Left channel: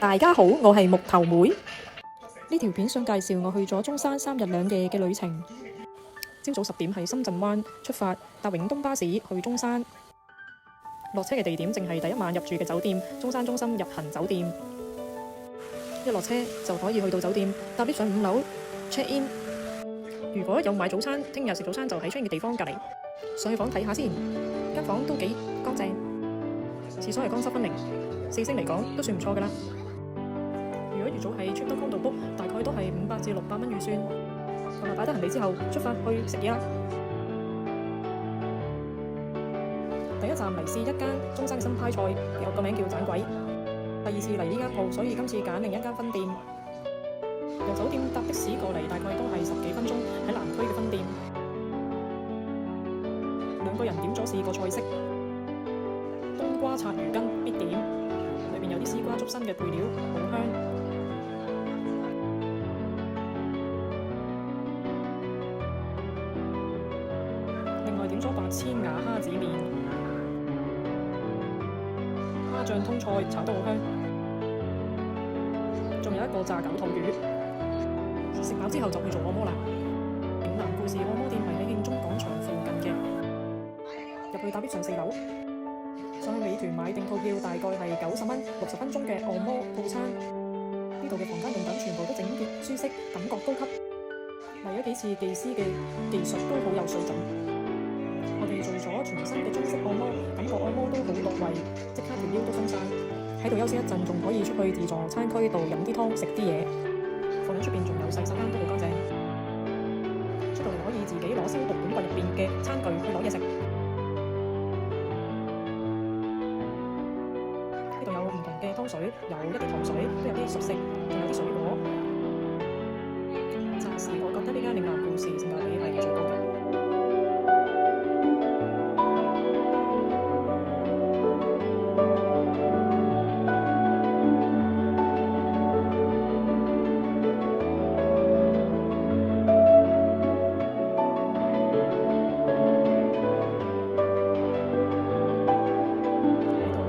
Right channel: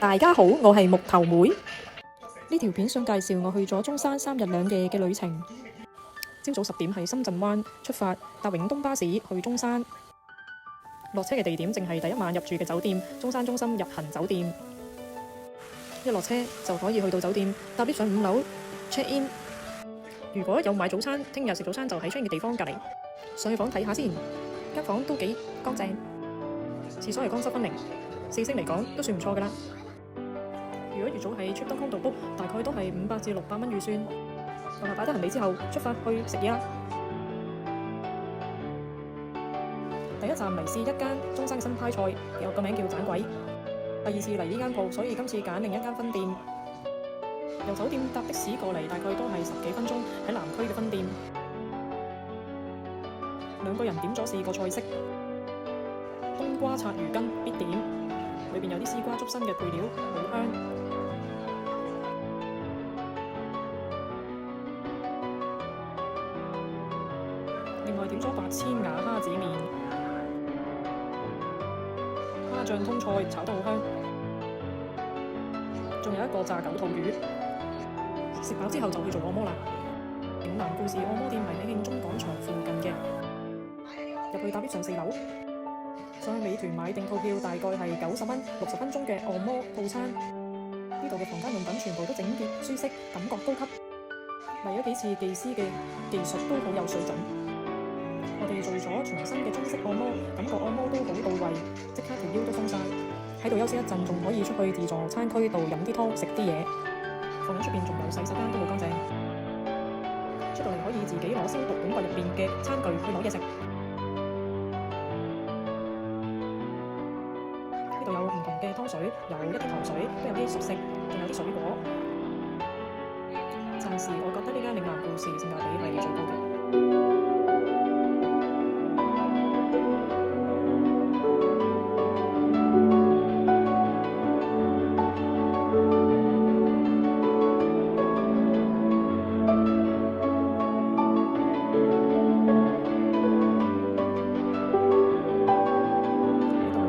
大家好，我係木頭妹。呢條片想介紹我去咗中山3日2夜嘅旅程。朝早10點喺深圳灣出發，搭永東巴士去中山。落車嘅地點正係第一晚入住嘅酒店中山中心日行酒店。一落車就可以去到酒店，搭 lift 上5樓 check in。如果有買早餐，聽日食早餐就喺出現嘅地方隔離。上去房睇下先，間房都幾乾淨，廁所係乾濕分明，4星嚟講都算唔錯㗎啦。如果預早喺 Trip.com 度 book， 大概都係500至600蚊預算。好啦，擺低行李之後，出發去食嘢啦。第一站嚟試一間中山嘅新派菜，有個名叫盞鬼。第2次嚟呢間鋪，所以今次揀另一間分店。由酒店搭的士過嚟，大概都係10幾分鐘，喺南區嘅分店。2個人點咗4個菜式，冬瓜刷魚羹必點，裏邊有啲絲瓜竹笙嘅配料，好香。另外點咗8千瓦蝦子麵，蝦醬通菜炒得好香，仲有一個炸狗肚魚。食飽之後就去做按摩啦。嶺南故事按摩店係喺慶中廣場附近嘅，入去搭 lift 上4樓，上去美團買定套票，大概係90蚊，60分鐘嘅按摩套餐。呢度嘅房間用品全部都整潔舒適，感覺高級。嚟咗幾次技師嘅技術都好有水準。我哋做咗全身嘅中式按摩，感覺按摩都好到位，即刻條腰都鬆晒。喺度休息一陣，仲可以出去自助餐區度飲啲湯食啲嘢。房間出邊仲有洗手間，都好乾淨。出到嚟可以自己攞消毒管櫃入邊嘅餐具去攞嘢食。呢度有唔同嘅湯水，有一啲糖水，都有啲熟食，仲有啲水果。暫時我覺得呢間嶺南故事性價比係最高嘅。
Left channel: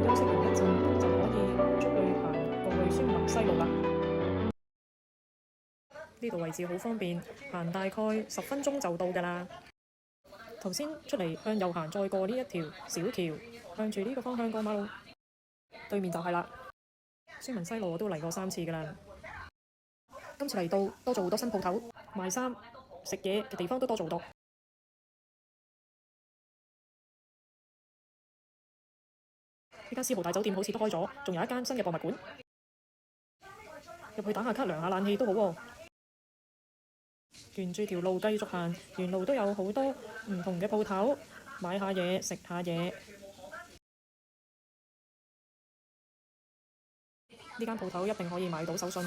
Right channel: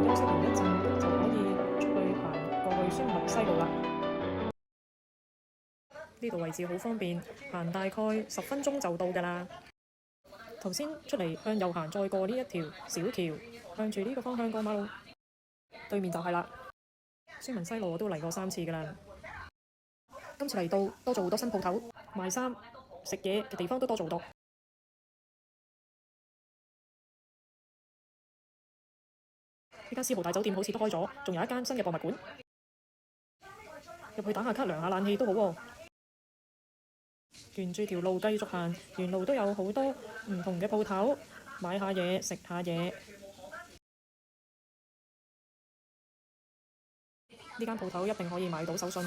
休息完一陣就可以出去行過去孫文西路啦。呢度位置好方便，行大概10分鐘就到㗎啦。頭先出嚟向右行，再過呢一條小橋，向住呢個方向過馬路，對面就係啦。孫文西路我都嚟過3次㗎啦。今次嚟到多咗好多新鋪頭，賣衫、食嘢嘅地方都多咗好多。呢間絲豪大酒店好似都開咗，仲有一間新嘅博物館。入去打下卡、涼下冷氣都好喎。沿住條路繼續行，沿路都有好多唔同嘅鋪頭，買下嘢食下嘢。呢間鋪頭一定可以買到手信。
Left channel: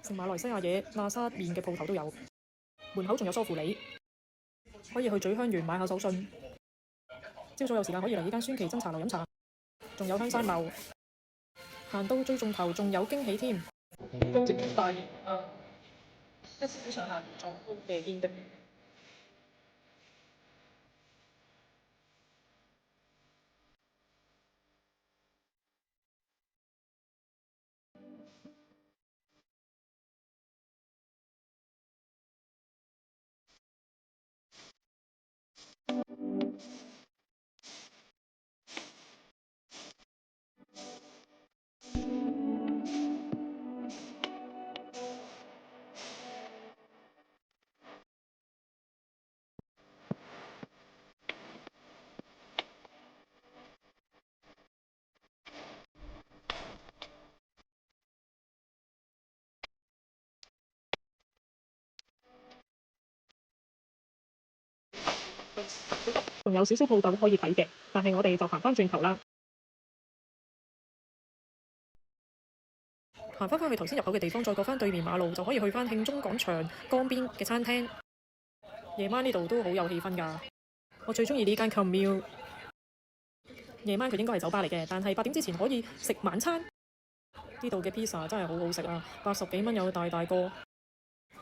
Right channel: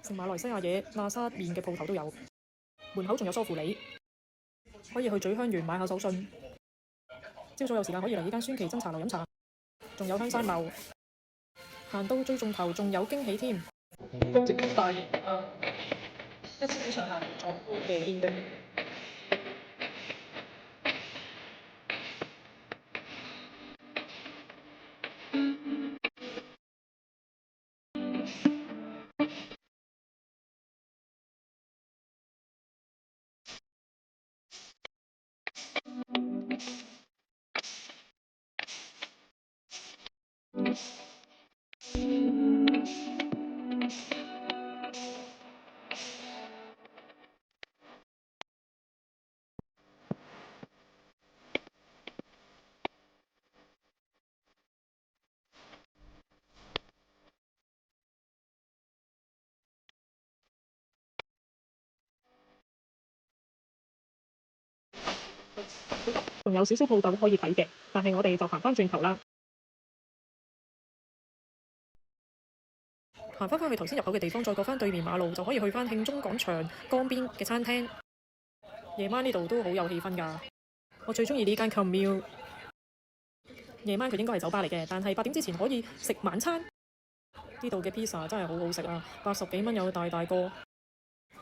食馬來西亞嘢、喇沙麵嘅鋪頭都有。門口仲有梳乎厘，可以去咀香園買下手信。朝早有時間可以嚟呢間孫奇珍茶樓飲茶，仲有香山樓。行到最盡頭仲有驚喜添。大型一次上行狀夫嘅煙燈。仲有少少鋪頭可以睇嘅，但係我哋就行返轉頭啦。行返去頭先入口嘅地方，再過返對面馬路，就可以去返慶中廣場江邊嘅餐廳。夜晚呢度都好有氣氛㗎。我最鍾意呢間 Commune。夜晚佢應該係酒吧嚟嘅，但係8點之前可以食晚餐。呢度嘅 pizza 真係好好食啊，80幾蚊有大大個。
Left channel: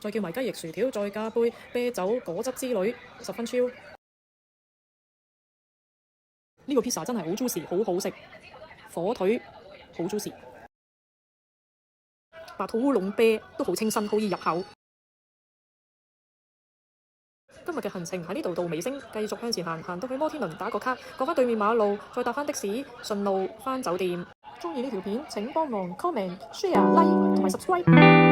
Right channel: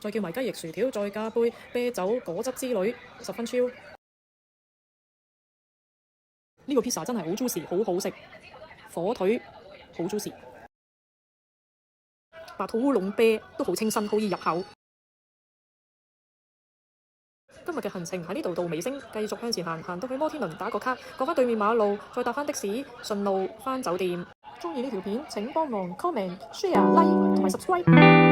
再叫埋雞翼薯條，再加杯啤酒果汁之類，十分超。呢個 pizza 真係好 juicy，好好食，火腿好 juicy， 白兔烏龍啤都好清新，好易入口。今日嘅行程喺呢度到尾聲，繼續向前行，行到去摩天輪打個卡，過返對面馬路，再搭返的士，順路返酒店。鍾意呢條片請幫忙 comment、share、like 同埋 subscribe。